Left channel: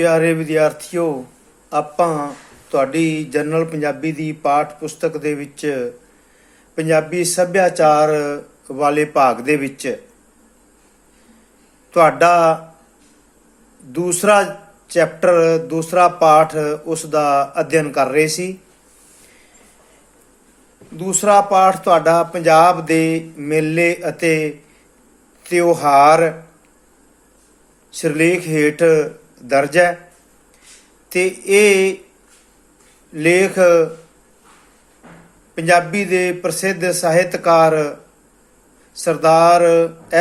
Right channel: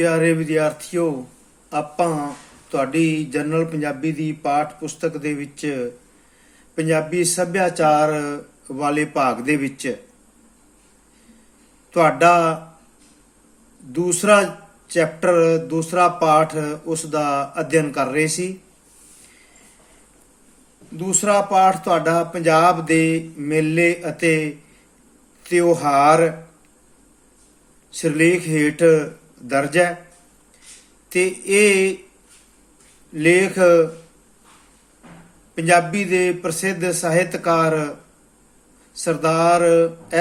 ਪਿਆਰੇ ਵਿਦਿਆਰਥੀਓ, ਆਪਾਂ ਤੁਹਾਡੀ ਜਨਰਲ ਪੰਜਾਬੀ ਦੀ ਪਾਠ ਪੁਸਤਕ ਦੇ ਵਿੱਚ ਪੰਜਾਬੀ ਸੱਭਿਆਚਾਰ ਵਾਲੇ ਭਾਗ ਦੇ ਵਿੱਚ ਤੁਹਾਡਾ ਦੂਸਰਾ ਚੈਪਟਰ ਦੂਸਰਾ ਪਾਠ ਉਸ ਦਾ ਅਧਿਐਨ ਕਰ ਰਹੇ ਸੀ। ਦੂਸਰਾ ਪਾਠ ਤੁਹਾਡਾ ਪੰਜਾਬ ਦੇ ਮੇਲੇ ਅਤੇ ਤਿਉਹਾਰ ਸਿਰਲੇਖ ਹੇਠ ਦਰਜ ਹੈ ਤੇ ਇਹ ਲੇਖ ਪੰਜਾਬੀ ਦੇ ਪ੍ਰਸਿੱਧ ਸਾਹਿਤਕਾਰ ਸਰਦਾਰ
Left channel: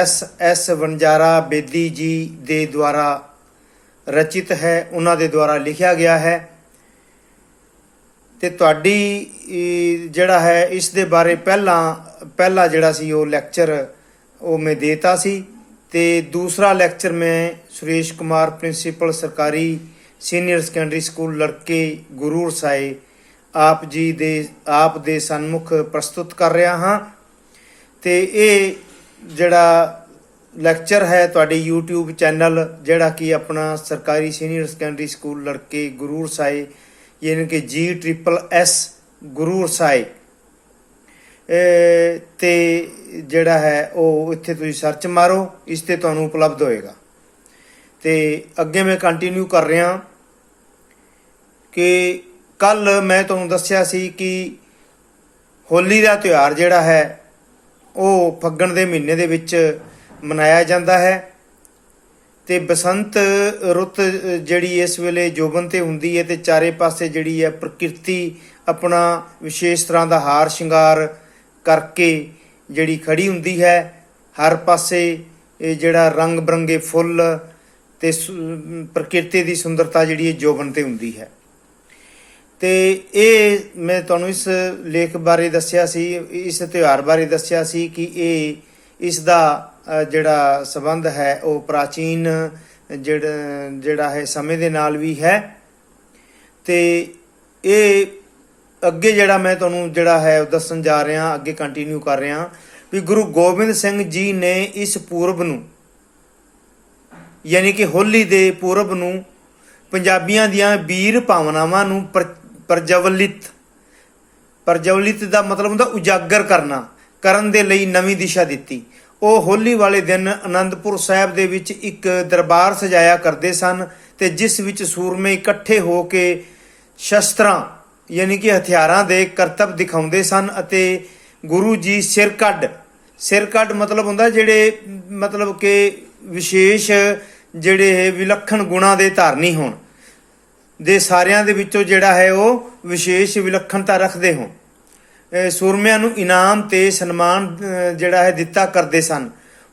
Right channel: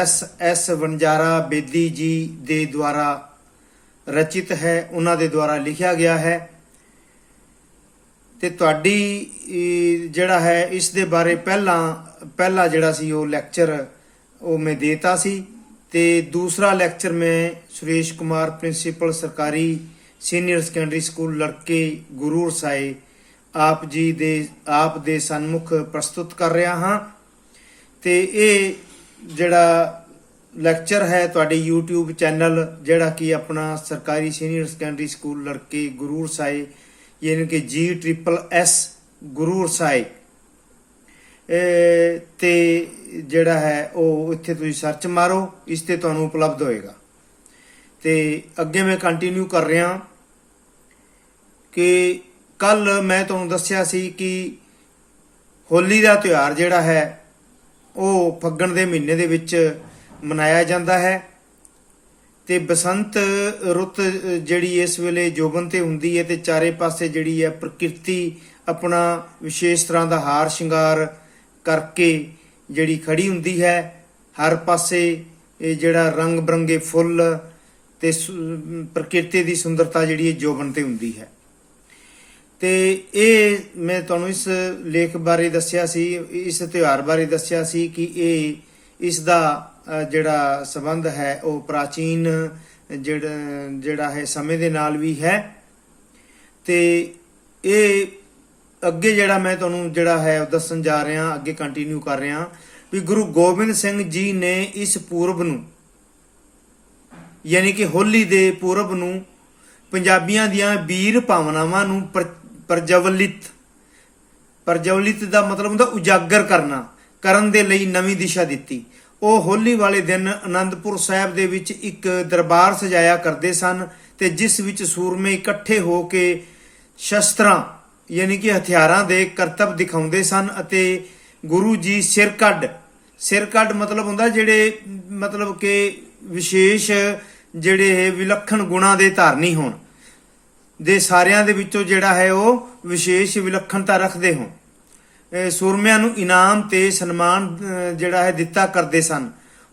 S ਵਣਜਾਰਾ ਬੇਦੀ ਜੀ ਦੇ ਦੁਆਰਾ ਰਚਿਤ ਹੈ, ਉਹਨਾਂ ਦੇ ਦੁਆਰਾ ਲਿਖਿਆ ਗਿਆ ਹੈ ਤੇ ਤੁਹਾਡੀ ਜਿਹੜਾ ਹੈ ਇਸ ਦੇ ਬਾਰੇ ਪਹਿਲਾ ਜਿਹੜਾ ਸੀ ਉਹ ਲੈਕਚਰ ਉਹ ਮੈਂ ਦੇਤਾ ਸੀ ਤੇ दूसरा ਲੈਕਚਰ ਮੈਂ सुरेश कुमार प्रिंसीपल सरकारी सीनियर सैकेंडरी स्कूल लड़के गुरूर साए आप दे सन्मुख प्रस्तुत कर रहा हाँ ते ये जड़ा ਲੈਕਚਰ है ਤੁਹਾਡੇ YouTube चैनल ਜਿਹੜਾ कि अपना सरकारी सीनियर सैकेंडरी स्कूल लड़के गुरूर साए यानी कि GSSS गुरूर साए ਤੇ ਜਿਹੜਾ ਹੈ ਉਹ ਇੱਥੇ ਤੁਸੀਂ ਸਰਚ ਮਾਰੋ, ਇਸ ਤੇ ਤੁਹਾਨੂੰ ਉਪਲਬਧ ਹੋਏਗਾ। ਤੇ ਅੱਗੇ ਮੈਂ ਕੰਟੀਨਿਊ ਕਰ ਰਿਹਾ ਕਿ ਕੱਲ ਮੈਂ ਤੁਹਾਨੂੰ ਦੱਸਿਆ ਸੀ ਕਿ ਹੋਲੀ ਦਾ ਤਿਉਹਾਰ ਜਿਹੜਾ ਹੈ ਉਹ ਫੱਗਣ ਦੇ ਮਹੀਨੇ ਦੇ ਵਿੱਚ ਮਨਾਇਆ ਜਾਂਦਾ ਹੈ ਤੇ ਬਸੰਤ ਰੁੱਤ ਜਿਹੜੀ ਇਸ ਵੇਲੇ ਜੋਬਨ ਤੇ ਹੁੰਦੀ ਹੈ ਤੇ ਚਾਰੇ ਪਾਸੇ ਜਿਹੜੀ ਹੈ ਪ੍ਰਕਿਰਤੀ ਆਪਣਾ ਵਿਸ਼ੇਸ਼ ਤਰ੍ਹਾਂ ਦਾ ਹਾਰ ਸ਼ਿੰਗਾਰ ਕਰਕੇ ਜਿਹੜੀ ਖੜੀ ਹੁੰਦੀ ਹੈ। ਹਰ ਪਾਸੇ ਇਹ ਜਿਹੜਾ ਰੰਗ ਬਰੰਗੇ ਫੁੱਲ ਤੇ ਪ੍ਰਕਿਰਤੀ ਦੀ ਸੁੰਦਰਤਾ ਜਿਹੜੀ ਹੈ ਜੋਬਨ ਤੇ ਹੁੰਦੀ ਹੈ ਤੇ ਇਹ ਮੈਂ ਤੁਹਾਨੂੰ ਇਸ ਲੇਖ ਬਾਰੇ ਦੱਸਿਆ ਸੀ, ਇਸ ਤਿਉਹਾਰ ਬਾਰੇ ਦੱਸਿਆ ਸੀ ਕਿ ਇਹ ਇਸ ਦਾ ਜਿਹੜਾ ਸੰਬੰਧ ਹੈ ਉਹ ਪ੍ਰਾਚੀਨ ਜਿਹੜਾ ਹੈ ਸਮੇਂ ਦੇ ਨਾਲ ਵੀ ਹੈ ਤੇ ਇਹ ਅੱਗੇ ਜਿਹੜਾ ਮੈਂ ਤੁਹਾਨੂੰ ਜਿਹੜਾ ਹੈ ਦੱਸਣ ਜਾ ਰਿਹਾ, ਅੱਗੇ ਕੰਟੀਨਿਊ ਕਰ ਰਿਹਾ ਵੀ ਗੁਰੂ ਗੋਬਿੰਦ ਸਿੰਘ ਜੀ ਨੇ ਇਸ ਪੂਰਬ ਨੂੰ ਯਾਨੀ ਕਿ ਹੋਲੀ ਦੇ ਪੂਰਬ ਨੂੰ ਪੰਜਾਬੀਆਂ ਦੀਆਂ ਵੀਰ ਭਾਵਨਾਵਾਂ ਨੂੰ ਪ੍ਰਜਵਲਿਤ ਦਾ ਮਤਲਬ ਹੁੰਦਾ ਉਜਾਗਰ ਕਰਨ ਦੇ ਲਈ ਨਵੀਂ ਦਿਸ਼ਾ ਦਿੱਤੀ। ਉਹ ਹੋਲੀ ਵਾਲੇ ਦਿਨ ਆਨੰਦਪੁਰ ਸਾਹਿਬ ਦੇ ਵਿੱਚ ਇੱਕ ਦਰਬਾਰ ਸਜਾਇਆ ਕਰਦੇ ਸਨ ਤੇ ਜਿਸ ਵਿੱਚ ਸੂਰਮੇ ਇਕੱਠੇ ਹੋ ਕੇ ਸ਼ਸਤਰਾਂ ਯਾਨੀ ਕਿ ਹਥਿਆਰਾਂ ਦੇ ਕਰਤੱਵ ਦਿਖਾਉਂਦੇ ਸਨ ਅਤੇ ਗੁਰੂ ਜੀ ਸਿਰ ਕੱਢ ਮਤਲਬ ਹੁੰਦਾ ਜਿਹੜੇ ਮਤਲਬ ਕਿ ਵਿਸ਼ੇਸ਼ ਜਿਹੜੇ ਵਿਲੱਖਣ ਗੁਣਾਂ ਦੇ ਧਾਰਨੀ ਹੋਣ ਦੇ ਸਾਰਿਆਂ ਦੇ ਵਿੱਚੋਂ ਜਿਹੜਾ ਹੈ ਉਹ ਵਿਸ਼ੇਸ਼ ਵਿਲੱਖਣਤਾ ਰੱਖਦੇ ਹੋਣ ਸੂਰਮਿਆਂ ਨੂੰ ਇਨਾਮ ਤੇ ਸਨਮਾਨ ਜਿਹੜਾ ਹੈ ਦਿੱਤਾ ਕਰਦੇ ਸਨ।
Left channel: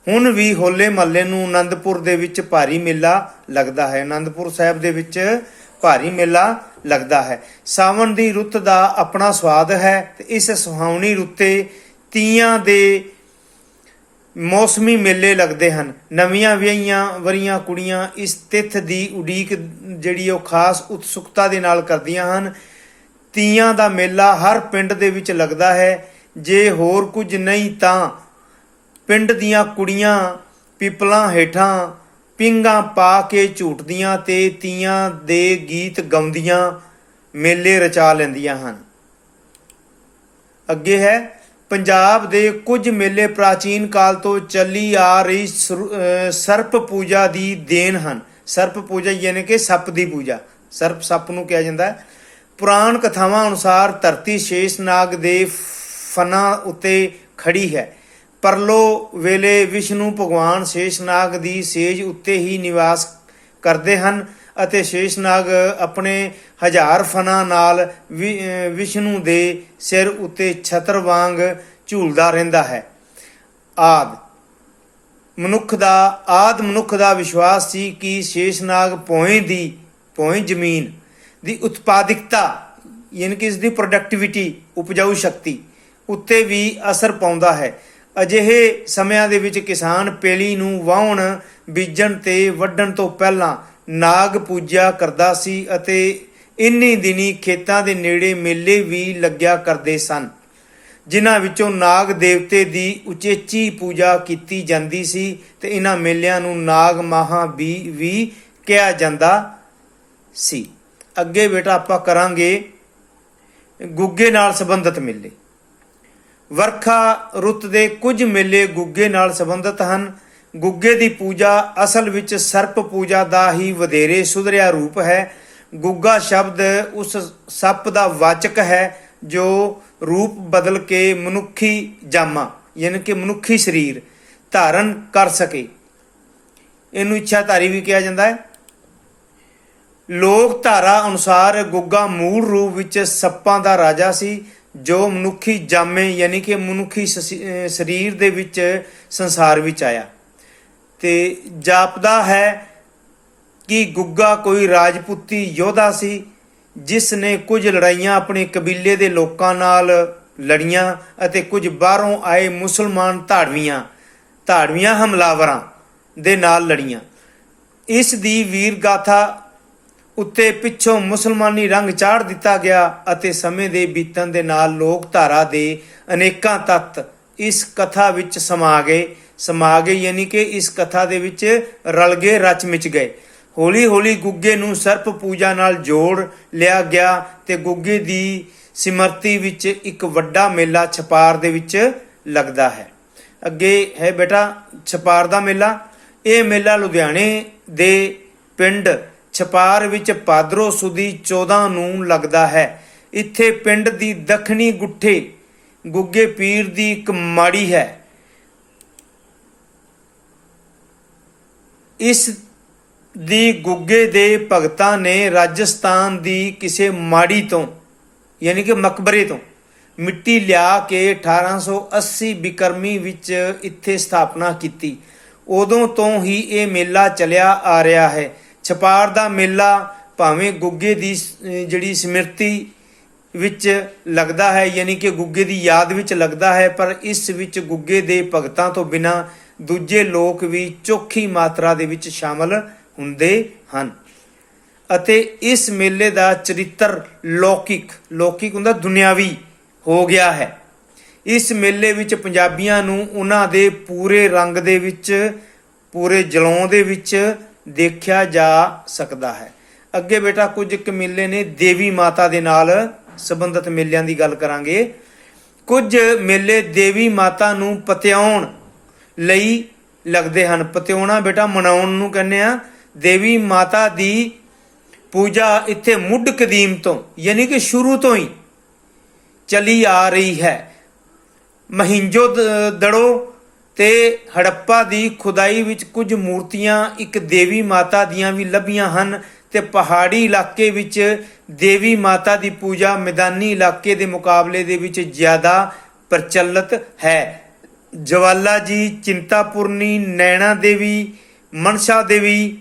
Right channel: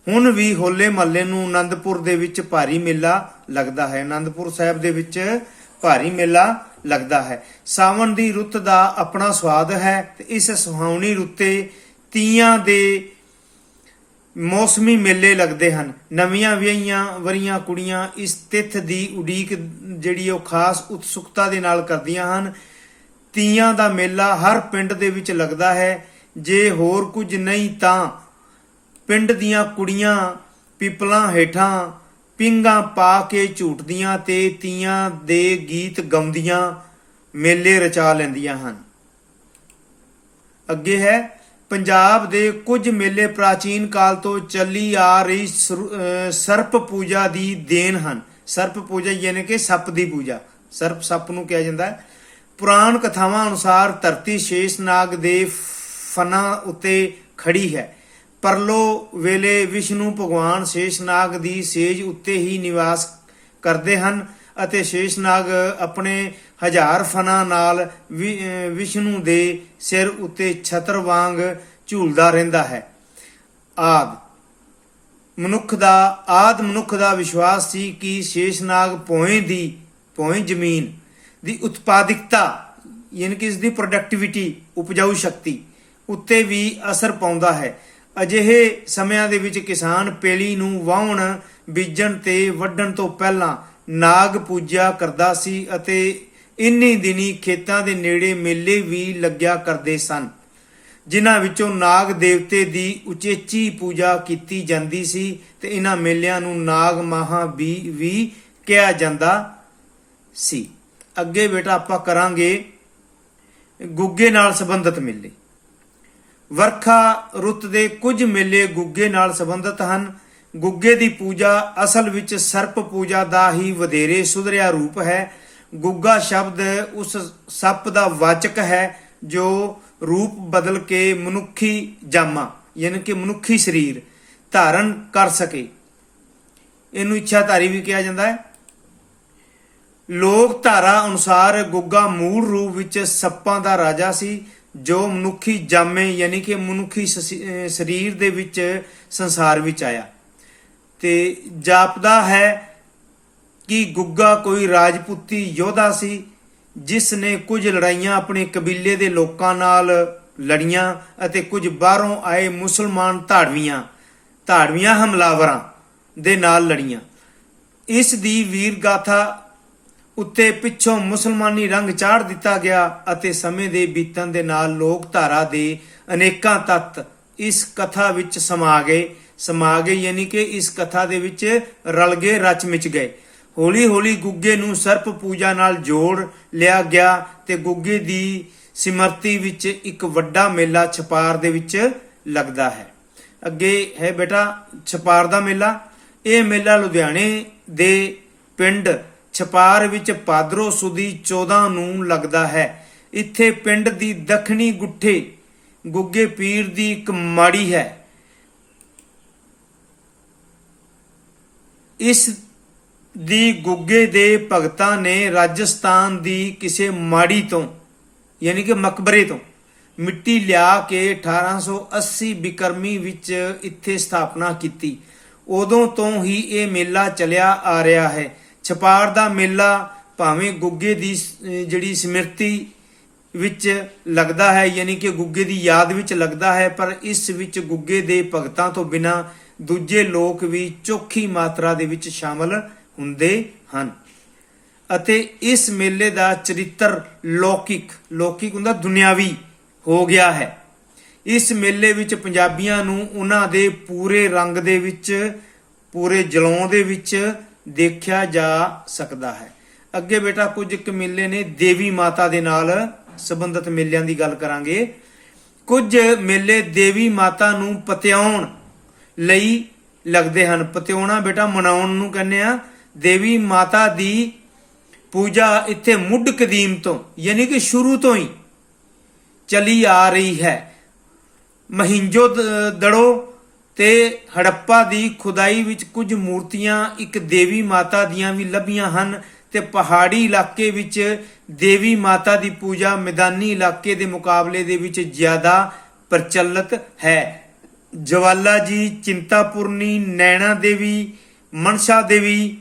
ਹੁਣ ਵੀ ਹੋਲੇ ਮਹੱਲੇ ਨੂੰ ਆਨੰਦਪੁਰ ਦੇ ਵਿੱਚ ਭਾਰੀ ਮੇਲਾ ਲੱਗਦਾ ਹੈ, ਆਨੰਦਪੁਰ ਸਾਹਿਬ ਦੇ ਵਿੱਚ ਭਾਰੀ ਮੇਲਾ ਲੱਗਦਾ ਹੈ। ਸਾਵਣ ਦੀ ਰੁੱਤ ਦਾ ਆਪਣਾ ਸਵਾਦ ਹੈ ਤੇ ਇਸ ਸੁਹਾਵਣੀ ਰੁੱਤੇ ਤੀਆਂ ਦੇ ਮੌਸਮੀ ਮੇਲੇ ਲੱਗਦੇ ਹਨ। ਨਵੀਆਂ ਵਿਆਹੀਆਂ ਵਰੀਆਂ ਕੁੜੀਆਂ ਇਸ ਤਿੱਥ ਦੀ ਉਡੀਕ ਜਿਹੜੀ ਉਹ ਖਾਸ ਉਤਸੁਕਤਾ ਦੇ ਨਾਲ ਕਰਦੀਆਂ ਹਨ। ਤੀਆਂ ਦਾ ਮੇਲਾ ਹਰ ਪਿੰਡ ਦੇ ਵਿੱਚ ਲੱਗਦਾ ਹੈ। ਜੇ ਹੋਰ ਕੁਝ ਨਹੀਂ ਤਾਂ ਪਿੰਡ ਦੀਆਂ ਕੁੜੀਆਂ ਪਿੱਪਲਾਂ ਹੇਠਾਂ ਪਿੰਗਾਂ ਪਾ ਕੇ ਝੂਟਦੀਆਂ ਤੇ ਤੀਆਂ ਦੇ ਗੀਤ ਗਾਉਂਦੀਆਂ ਮੇਲੇ ਰਚਾ ਲੈਂਦੀਆਂ ਹਨ। ਅੱਗੇ ਹੈ ਪੰਜਾਬ ਦੇ ਕੁਝ ਮੇਲੇ ਪ੍ਰਾਚੀਨ ਕਾਲ ਤੋਂ ਚੱਲੀ ਆ ਰਹੀ ਸਰਪ ਪੂਜਾ ਦੀ ਦੇਣ ਹਨ। ਸਰਪ ਪੂਜਾ ਯਾਨੀ ਕਿ ਸੱਪ ਦੀ ਪੂਜਾ, ਸੱਪ ਨੂੰ ਕਿਹਾ ਜਾਂਦਾ ਹੈ। ਪੁਰਾਣ ਕਥਾਵਾਂ ਅਨੁਸਾਰ ਧਰਤੀ ਸ਼ੇਸ਼ਨਾਗ ਦੇ ਫਨਾਂ ਉੱਤੇ ਖੜੀ ਹੈ। ਪਰਲੋ ਵੇਲੇ ਵਿਸ਼ਨੂੰ ਭਗਵਾਨ ਸ਼ੇਸ਼ਨਾਗ ਦੀ ਸੇਜ ਉੱਤੇ ਹੀ ਨਿਵਾਸ ਕਰਦੇ ਹਨ ਅਤੇ ਸ਼ੇਸ਼ਨਾਗ ਆਪਣੇ 1000 ਫਨਾਂ ਨਾਲ ਵਿਸ਼ਨੂੰ ਦੇ ਸਿਰ ਉੱਤੇ ਛਤਰ ਵਾਂਗ ਝੂਲਦਾ ਰਹਿੰਦਾ ਹੈ। ਆਦ ਮਨੁੱਖ ਦਾ ਵਿਸ਼ਵਾਸ ਸੀ ਕਿ ਸ਼ੇਸ਼ਨਾਗ ਭੋਇੰ ਜ਼ਮੀਨ ਦੀ ਉਤਪਾਦਿਕਤਾ ਯਾਨੀ ਕਿ ਇਸ ਦੀ ਪ੍ਰੋਡਕਟਿਵਿਟੀ ਉਪਜਾਊ ਸ਼ਕਤੀ ਉੱਤੇ ਵੀ ਅਸਰ ਪਾਉਂਦਾ ਹੈ। ਅਜਿਹੇ ਸਮਿਆਂ ਦੇ ਵਿੱਚ ਕਿਸਾਨ ਪੇਲੀ ਨੂੰ ਵਾਹੁਣ ਬੀਜਣ ਤੇ ਵੱਢਣ ਤੋਂ ਪਹਿਲਾਂ ਨਾਗ ਪੂਜਾ ਕਰਦਾ ਸੀ ਅਤੇ ਇੰਨੀ ਦਿਨੀ ਖੇਤਾਂ ਦੇ ਨੇੜੇ ਮੇਲੇ ਵੀ ਲੱਗਿਆ ਕਰਦੇ ਸਨ ਜਿਨ੍ਹਾਂ ਵਿੱਚੋਂ ਨਾਗ ਦੇਵਤੇ ਦੀ ਉਚੇਚੀ ਪੂਜਾ ਕੀਤੀ ਜਾਂਦੀ ਸੀ ਤੇ ਇਹਨਾਂ ਮੇਲਿਆਂ ਨੂੰ ਨਾਗ ਮਾਹਾਂ ਵੀ ਕਿਹਾ ਜਾਂਦਾ ਸੀ। ਅੱਗੇ ਬੇਟਾ ਆਪਾਂ ਕਰਾਂਗੇ ਗੁੱਗੇ ਨਾਲ ਸੰਬੰਧਿਤ ਮੇਲੇ। ਵਰਖਾ ਰੁੱਤ ਦੇ ਕੁਝ ਮੇਲੇ ਗੁੱਗੇ ਨਾਲ ਸੰਬੰਧਿਤ ਹਨ। ਗੁੱਗੇ ਦੀ ਪੂਜਾ ਅਸਲ ਵਿੱਚ ਸਰਪ ਪੂਜਾ ਦਾ ਹੀ ਵਧੇਰੇ ਸੁਧਰਿਆ ਰੂਪ ਹੈ। ਗੁੱਗਾ ਸ਼ਬਦ ਉਸ ਸੱਪ ਦਾ ਵਾਚਕ ਹੈ ਜੋ ਰੂਪ ਬਦਲ ਕੇ ਮਨੁੱਖੀ ਜਾਮਾ ਯਾਨੀ ਕਿ ਮਨੁੱਖੀ ਸਰੀਰ ਧਾਰਨ ਕਰ ਸਕੇ। ਇਹਨੂੰ ਇੱਛਾਧਾਰੀ ਵੀ ਕਿਹਾ ਜਾਂਦਾ ਹੈ। ਲੋਕ ਧਾਰਾ ਅਨੁਸਾਰ ਗੁੱਗਾ ਮੂਲ ਰੂਪ ਵਿੱਚ ਸੱਪਾਂ ਦਾ ਰਾਜਾ ਸੀ ਜੋ ਮਨੁੱਖੀ ਜਾਮੇ ਯਾਨੀ ਕਿ ਮਨੁੱਖੀ ਸਰੀਰ ਦੇ ਵਿੱਚ ਸੰਸਾਰ ਵਿੱਚ ਆਇਆ ਤੇ ਜਾਪਦਾ ਹੈ ਕਿ ਗੁੱਗਾ ਕੋਈ ਰਾਜਪੂਤੀ ਯੋਧਾ ਸੀ ਜਿਸ ਨੇ ਕੁਝ ਲੜਾਈਆਂ ਆਪਣੇ ਕਬੀਲੇ ਦੇ ਲੋਕਾਂ ਨਾਲ ਲੜੀਆਂ ਅਤੇ ਕੁਝ ਬਾਹਰੋਂ ਆਏ ਮੁਸਲਮਾਨ ਧਾੜਵੀਆਂ ਹਮਲਾਵਰਾਂ ਦੇ ਨਾਲ ਲੜੀਆਂ। ਇਸ ਦੀ ਵੀਰ ਗਾਥਾ ਉੱਤੇ ਪਿੱਛੋਂ ਮੁਸਲਮਾਨੀ ਰੰਗ ਚਾੜ ਦਿੱਤਾ ਗਿਆ ਅਤੇ ਸਮੇਂ ਦੇ ਬੀਤਣ ਦੇ ਨਾਲ ਲੋਕ ਧਾਰਾ ਦੇ ਅਨੇਕਾਂ ਤੱਤ ਇਸ ਕਥਾ ਵਿੱਚ ਸਮਾ ਗਏ ਯਾਨੀ ਕਿ ਇਸ ਕਥਾ ਦੇ ਵਿੱਚ ਰਲ ਗਏ, ਰਚ ਮਿਚ ਗਏ। ਹੌਲੀ ਹੌਲੀ ਗੁੱਗੇ ਨੂੰ ਸਰਪ ਪੂਜਾ ਨਾਲ ਜੋੜ ਲਿਆ ਗਿਆ ਤੇ ਗੁੱਗੇ ਦੀ ਸਿਮਰਤੀ ਵਿੱਚ ਇੱਕ ਵੱਡਾ ਮੇਲਾ ਛਪਾਰ ਦੇ ਵਿੱਚ ਲੱਗਦਾ ਹੈ। ਅੱਗੇ ਹੈ ਬੇਟਾ ਛਪਾਰ ਦਾ ਮੇਲਾ। ਇਹ ਮੇਲਾ ਲੁਧਿਆਣੇ ਦੇ ਪਿੰਡ ਛਪਾਰ ਵਿੱਚ ਭਾਦਰੋਂ ਸੁਦੀ 14 ਨੂੰ ਲੱਗਦਾ ਹੈ। ਇੱਥੇ ਪਿੰਡ ਦੀ ਦੱਖਣੀ ਗੁੱਠੇ ਗੁੱਗੇ ਪੀਰ ਦੀ ਇੱਕ ਮਾੜੀ ਹੈ। ਇਸ ਦੀ ਗੁੱਗੇ ਦੇ ਭਗਤਾਂ ਨੇ ਰਾਜਸਥਾਨ ਦੀ ਕਿਸੇ ਮਾੜੀ ਤੋਂ ਯਾਨੀ ਕਿ ਮਕਬਰੇ ਤੋਂ ਮਿੱਟੀ ਲਿਆ ਕੇ 1880 ਬਿਕਰਮੀ ਵਿੱਚ ਇੱਥੇ ਸਥਾਪਨਾ ਕੀਤੀ। ਉਦੋਂ ਤੋਂ ਹੀ ਇਹ ਮੇਲਾ ਚੱਲਿਆ ਆ ਰਿਹਾ ਹੈ। ਛਪਾਰ ਦਾ ਮੇਲਾ ਭਾਵੇਂ ਗੁੱਗੇ ਦੀ ਜਿਹੜੀ ਸਮਿਰਤੀ ਵਿੱਚ ਲੱਗਦਾ ਹੈ ਯਾਨੀ ਕਿ ਗੁੱਗੇ ਦੀ ਯਾਦ ਵਿੱਚ ਲੱਗਦਾ ਹੈ, ਪਰ ਇਸ ਵਿੱਚ ਗੁੱਗੇ ਦੇ ਭਗਤਾਂ ਤੋਂ ਬਿਨਾਂ ਦੂਜੇ ਲੋਕ ਵੀ ਚੋਖੀ ਮਾਤਰਾ ਦੇ ਵਿੱਚ ਸ਼ਾਮਲ ਹੁੰਦੇ ਹਨ ਅਤੇ ਇਸ ਮੇਲੇ ਦਾ ਚਰਿੱਤਰ ਲੌਕਿਕ ਹੁੰਦਾ ਦੁਨਿਆਵੀ ਹੋ ਗਿਆ ਹੈ। ਇਸ ਮੇਲੇ ਵਿੱਚ ਪੰਜਾਬੀਆਂ ਨੂੰ ਉਹਨਾਂ ਦੇ ਪੂਰੇ ਰੰਗ ਦੇ ਵਿੱਚ, ਪੂਰੇ ਜਲੌਂ ਦੇ ਵਿੱਚ ਦੇਖਿਆ ਜਾ ਸਕਦਾ ਹੈ। ਅੱਗੇ ਬੇਟਾ ਕੁਝ ਇੱਕ ਮੇਲੇ ਨੇ ਦੇਵੀ ਮਾਤਾ ਦੇ ਨਾਲ ਸੰਬੰਧਿਤ ਮੇਲਿਆਂ ਦੀ ਗੱਲ ਕਰਾਂਗੇ। ਕੁਝ ਮੇਲੇ ਦੇਵੀ ਮਾਤਾ ਨੂੰ ਪਤਿਆਉਣ ਲਈ ਲੱਗਦੇ ਹਨ। ਪਤਿਆਉਣਾ ਬੇਟਾ ਮਨਾਉਣ ਨੂੰ ਕਹਿੰਦੇ ਆ। ਦੇਵੀ ਮਾਤਾ ਦੀ ਪੂਜਾ ਇੱਥੇ ਮੁੱਢ ਕਦੀਮ ਤੋਂ ਯਾਨੀ ਕਿ ਸ਼ੁਰੂ ਤੋਂ ਹੀ ਚਲੀ ਆ ਰਹੀ ਹੈ। ਮਹਿੰਜੋ ਦੜੋ ਤੇ ਹੜੱਪਾ ਦੀ ਖੁਦਾਈ ਵਿੱਚ ਕੁਝ ਮੂਰਤੀਆਂ ਇੱਕ ਦੇਵੀ ਮਾਤਾ ਦੀਆਂ ਵੀ ਲੱਭੀਆਂ ਹਨ ਤੇ ਪਹਾੜੀ ਇਲਾਕੇ ਵਿੱਚ ਦੇਵੀ ਮਾਤਾ ਦੀ ਪੂਜਾ ਮੈਦਾਨੀ ਇਲਾਕੇ ਦੇ ਮੁਕਾਬਲੇ ਦੇ ਵਿੱਚ ਜ਼ਿਆਦਾ ਪ੍ਰਚਲਿਤ ਹੈ। ਜਵਾਲਾ ਜੀ, ਚਿੰਤਾਪੁਰਨੀ, ਨੈਣਾ ਦੇਵੀ, ਮਨਸਾ ਦੇਵੀ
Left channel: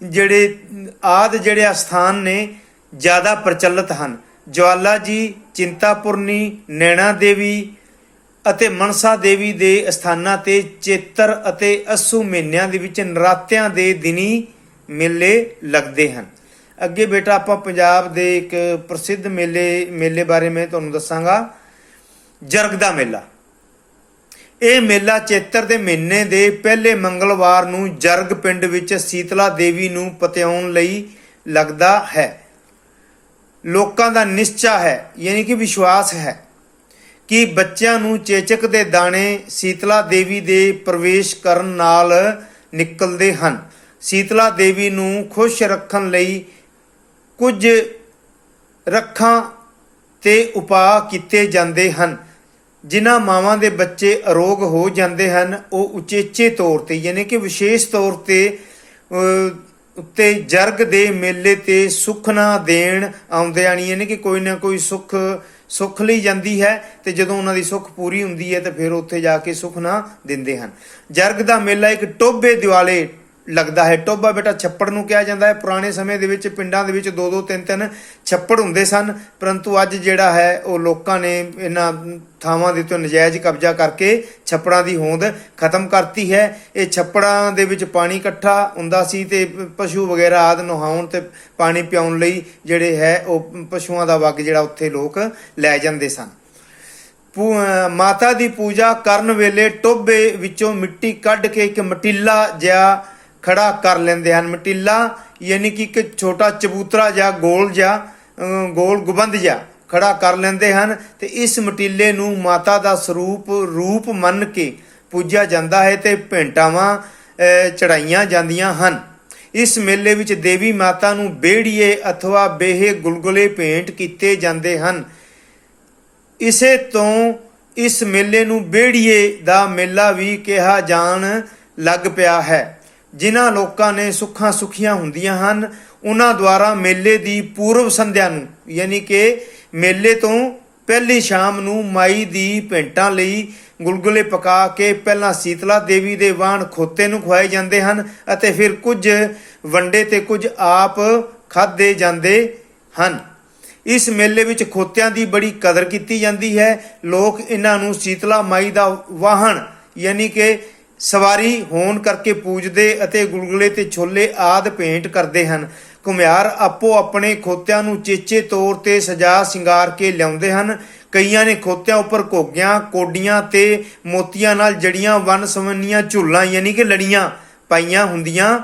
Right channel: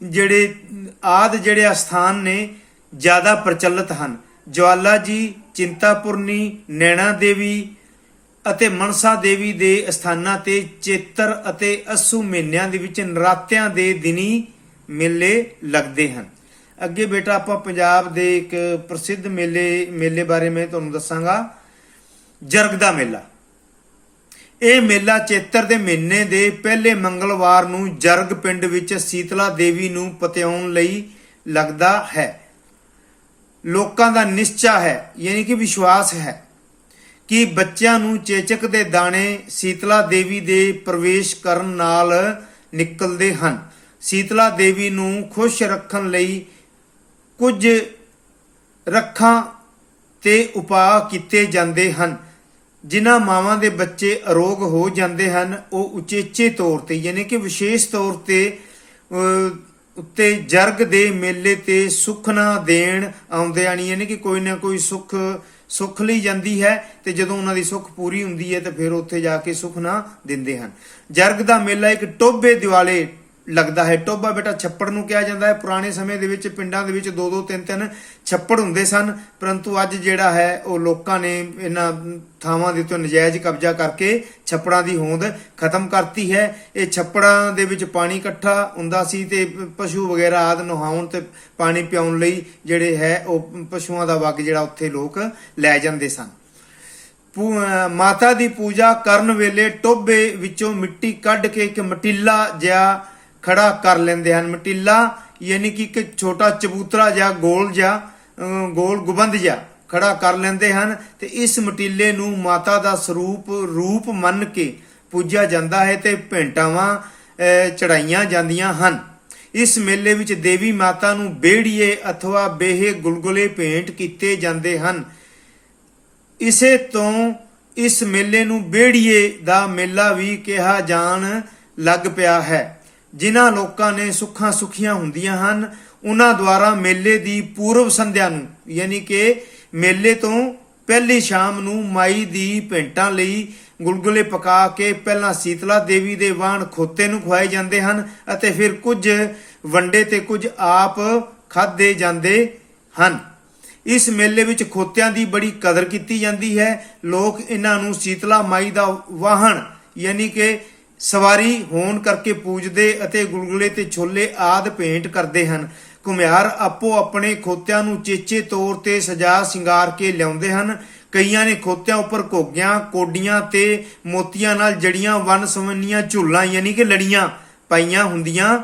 ਜਿਹੜੇ ਸਥਾਨ ਨੇ ਜ਼ਿਆਦਾ ਪ੍ਰਚਲਿਤ ਹਨ। ਜਵਾਲਾ ਜੀ, ਚਿੰਤਾਪੁਰਨੀ, ਨੈਣਾ ਦੇਵੀ ਅਤੇ ਮਨਸਾ ਦੇਵੀ ਦੇ ਸਥਾਨਾਂ ਤੇ ਚੇਤਰ ਅਤੇ ਅੱਸੂ ਮਹੀਨਿਆਂ ਦੇ ਵਿੱਚ ਨਰਾਤਿਆਂ ਦੇ ਦਿਨੀ ਮੇਲੇ ਲੱਗਦੇ ਹਨ। ਅੱਗੇ ਬੇਟਾ ਆਪਾਂ ਪੰਜਾਬ ਦੇ ਇੱਕ ਪ੍ਰਸਿੱਧ ਮੇਲੇ ਬਾਰੇ ਮੈਂ ਤੁਹਾਨੂੰ ਦੱਸਾਂਗਾ। ਜਰਗ ਦਾ ਮੇਲਾ। ਇਹ ਮੇਲਾ ਚੇਤਰ ਦੇ ਮਹੀਨੇ ਦੇ ਪਹਿਲੇ ਮੰਗਲਵਾਰ ਨੂੰ ਜਰਗ ਪਿੰਡ ਵਿੱਚ ਸੀਤਲਾ ਦੇਵੀ ਨੂੰ ਪਤਿਆਉਣ ਲਈ ਲੱਗਦਾ ਹੈ। ਲੋਕਾਂ ਦਾ ਨਿਸ਼ਚਾ ਹੈ ਯਾਨੀ ਕਿ ਵਿਸ਼ਵਾਸ ਹੈ ਕਿ ਬੱਚਿਆਂ ਨੂੰ ਚੇਚਕ ਦੇ ਦਾਣੇ ਸੀਤਲਾ ਦੇਵੀ ਦੇ ਪ੍ਰਵੇਸ਼ ਕਰਨ ਨਾਲ ਨਿਕਲਦੇ ਹਨ। ਸੀਤਲਾ ਦੇਵੀ ਨੂੰ ਖੁਸ਼ ਰੱਖਣ ਲਈ ਕੁਝ ਰੱਖਾਂ ਤੇ ਉਪਾਅ ਕੀਤੇ ਜਾਂਦੇ ਹਨ। ਜਿਨ੍ਹਾਂ ਮਾਵਾਂ ਦੇ ਬੱਚੇ ਅਰੋਗ ਹੋ ਜਾਂਦੇ ਹਨ ਉਹ ਉਚੇਚੇ ਤੌਰ ਤੇ ਯਾਨੀ ਕਿ ਵਿਸ਼ੇਸ਼ ਤੌਰ ਤੇ ਉੱਤੇ ਜਰਗ ਦੇ ਮੇਲੇ ਤੇ ਸੁਖਨਾ ਦੇਣ ਆਉਂਦੇ ਹਨ ਯਾਨੀ ਕਿ ਕੋਈ ਨਾ ਕੋਈ ਸੁੱਖ ਲਈ ਜਾਂਦੀ ਹੈ ਤੇ ਜਦੋਂ ਉਹਨਾਂ ਦੀ ਸੁੱਖ ਪੂਰੀ ਹੁੰਦੀ ਹੈ ਤੇ ਫਿਰ ਉੱਥੇ ਜਾ ਕੇ ਸੁਖਨਾ ਦਿੰਦੇ ਹਨ। ਜਰਗ ਦਾ ਮੇਲਾ ਇੱਕ ਟੋਭੇ ਦਿਵਾਲੇ ਲੱਗਦਾ ਹੈ। ਟੋਭਾ ਬੇਟਾ ਛੱਪੜ ਨੂੰ ਕਿਹਾ ਜਾਂਦਾ ਹੈ। ਪੁਰਾਣੇ ਸਮੇਂ ਦੇ ਵਿੱਚ ਪਿੰਡਾਂ ਦੇ ਵਿੱਚ 2-2 3-3 ਛੱਪੜ ਹੁੰਦੇ ਸਨ, ਪਰੰਤੂ ਅੱਜ ਜਿਹੜਾ ਹੈ ਉਹ ਲੋਕਾਂ ਨੇ ਇਹਨਾਂ ਥਾਵਾਂ ਦੇ ਉੱਤੇ ਨਜਾਇਜ਼ ਕਬਜ਼ਾ ਕਰਕੇ ਛੱਪੜਾਂ ਦੀ ਹੋਂਦ ਖਤਮ ਕਰਤੀ ਹੈ। ਇਹ ਛੱਪੜਾਂ ਦੇ ਵਿੱਚ ਪਾਣੀ ਇਕੱਠਾ ਹੁੰਦਾ ਸੀ ਤੇ ਪਸ਼ੂ ਵਗੈਰਾ ਆਦਿ ਨਹਾਉਣ ਤੇ ਪਾਣੀ ਪਿਆਉਣ ਲਈ ਜਿਹੜੇ ਹੈ ਉਹ ਪਸ਼ੂਆਂ ਦਾ ਵੱਗ ਜਿਹੜਾ ਉੱਥੇ ਲੋਕ ਲੈ ਜਾਂਦੇ ਸਨ। ਮਾਤਾ ਦੀ ਪੂਜਾ ਕਰਨ ਵੇਲੇ ਟੋਭੇ ਵਿੱਚੋਂ ਮਿੱਟੀ ਕੱਢ ਕੇ ਇੱਕ ਮਟੀਲਾ ਜਿਹਾ ਖੜਾ ਕਰ ਲੈਂਦੇ ਹਨ। ਮਟੀਲਾ ਯਾਨੀ ਕਿ ਇੱਕ ਛੋਟਾ ਚਬੂਤਰਾ ਜਾਂ ਗੋਲ ਗੁੰਬਦ ਜਿਹਾ ਖੜਾ ਕਰ ਲੈਂਦੇ ਹਨ ਤੇ ਇਸ ਮਟੀਲੇ ਨੂੰ ਮਾਤਾ ਦਾ ਰੂਪ ਮੰਨ ਕੇ ਪੂਜਿਆ ਜਾਂਦਾ ਹੈ ਤੇ ਭੇਂਟਾਵਾਂ ਚੜਾਈਆਂ ਜਾਂਦੀਆਂ ਹਨ। ਇਸ ਮੇਲੇ ਵਿੱਚ ਦੇਵੀ ਮਾਤਾ ਨੂੰ ਬੇੜੀਏ ਅਥਵਾ ਬੇਹੇ ਗੁਲਗੁਲੇ ਭੇਂਟ ਕੀਤੇ ਜਾਂਦੇ ਹਨ। ਇਸੇ ਤੋਂ ਇਸ ਮੇਲੇ ਨੂੰ ਬੇੜੀਏ ਦਾ ਮੇਲਾ ਵੀ ਕਿਹਾ ਜਾਣ ਲੱਗ ਪਿਆ ਹੈ। ਜਿਨ੍ਹਾਂ ਲੋਕਾਂ ਨੇ ਸੁੱਖਾਂ ਸੁਖੀਆਂ ਹੁੰਦੀਆਂ ਹਨ ਉਹਨਾਂ ਦੁਆਰਾ ਮੇਲੇ ਦੀ ਪੂਰਵ ਸੰਧਿਆ ਨੂੰ ਯਾਨੀ ਕਿ ਮੇਲੇ ਤੋਂ ਪਹਿਲੀ ਸ਼ਾਮ ਨੂੰ ਮਾਈ ਦੀ ਭੇਂਟਾਂ ਲਈ ਗੁਲਗੁਲੇ ਪਕਾ ਕੇ ਪਹਿਲਾਂ ਸੀਤਲਾ ਦੇਵੀ ਦੇ ਵਾਹਣ ਖੋਤੇ ਨੂੰ ਖਵਾਏ ਜਾਂਦੇ ਹਨ ਅਤੇ ਫਿਰ ਕੁਝ ਵੰਡੇ ਤੇ ਕੁਝ ਆਪ ਖਾਧੇ ਜਾਂਦੇ ਹਨ। ਇਸ ਮੇਲੇ ਵਿੱਚ ਖੋਤਿਆਂ ਦੀ ਬੜੀ ਕਦਰ ਕੀਤੀ ਜਾਂਦੀ ਹੈ। ਲੋਕ ਇਹਨਾਂ ਨੂੰ ਸੀਤਲਾ ਮਾਈ ਦਾ ਵਾਹਣ ਯਾਨੀ ਕਿ ਸਵਾਰੀ ਹੋਣ ਕਰਕੇ ਪੂਜਦੇ ਅਤੇ ਗੁਲਗੁਲੇ ਤੇ ਛੋਲੇ ਆਦਿ ਭੇਂਟ ਕਰਦੇ ਹਨ। ਘੁਮਿਆਰ ਆਪੋ ਆਪਣੇ ਖੋਤਿਆਂ ਨੂੰ ਚੇਚੇ ਤੌਰ ਤੇ ਸਜਾ ਸਿੰਗਾਰ ਕੇ ਲਿਆਉਂਦੇ ਹਨ। ਕਈਆਂ ਨੇ ਖੋਤਿਆਂ ਉੱਪਰ ਘੋਗਿਆਂ, ਕੋਡੀਆਂ ਤੇ ਮੋਤੀਆਂ ਨਾਲ ਜੜੀਆਂ ਵੰਨ ਸਵੰਨੀਆਂ ਝੁੱਲਾਂ ਯਾਨੀ ਕਿ ਲੜੀਆਂ ਪਾਈਆਂ ਹੁੰਦੀਆਂ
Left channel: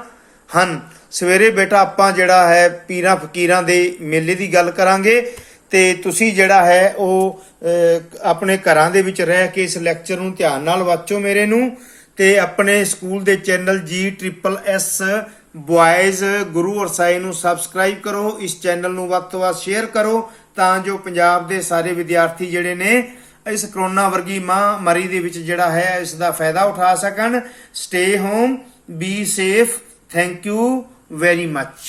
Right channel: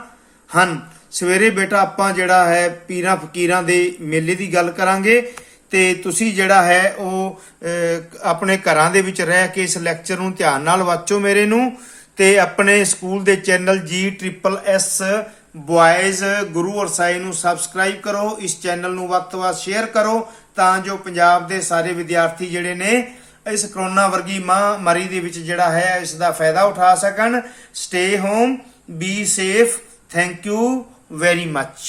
ਹਨ। ਸਵੇਰੇ ਬੇਟਾ ਆਪਾਂ ਜਿਹੜਾ ਹੈ ਪੀਰਾਂ ਫਕੀਰਾਂ ਦੇ ਮੇਲੇ ਦੀ ਗੱਲ ਕਰਾਂਗੇ ਤੇ ਤੁਸੀਂ ਜਿਹੜਾ ਹੈ ਉਹ ਆਪਣੇ ਘਰਾਂ ਦੇ ਵਿੱਚ ਰਹਿ ਕੇ ਇਸ ਲੈਕਚਰ ਨੂੰ ਧਿਆਨ ਨਾਲ ਵਾਚੋ ਮੇਰੇ ਨੂੰ ਤੇ ਆਪਣੇ ਸਕੂਲ ਦੇ ਚੈਨਲ GSSS ਬॉयਜ਼ ਗੁਰੂ ਔਰ ਸਾਈ ਨੂੰ ਸਬਸਕ੍ਰਾਈਬ ਕਰੋ। ਇਸ ਚੈਨਲ ਨੂੰ ਵੱਧ ਤੋਂ ਵੱਧ ਸ਼ੇਅਰ ਕਰੋ ਤਾਂ ਜੋ ਪੰਜਾਬ ਦੇ ਸਾਰੇ ਵਿਦਿਆਰਥੀ ਜਿਹੜੇ ਨੇ ਇਸ ਕਰੋਨਾ ਵਰਗੀ ਮਹਾਮਾਰੀ ਦੇ ਵਿੱਚ ਜਿਹੜਾ ਹੈ ਇਸ ਦਾ ਫਾਇਦਾ ਉਠਾ ਸਕਣ। Stay home, be safe. Thank you very much.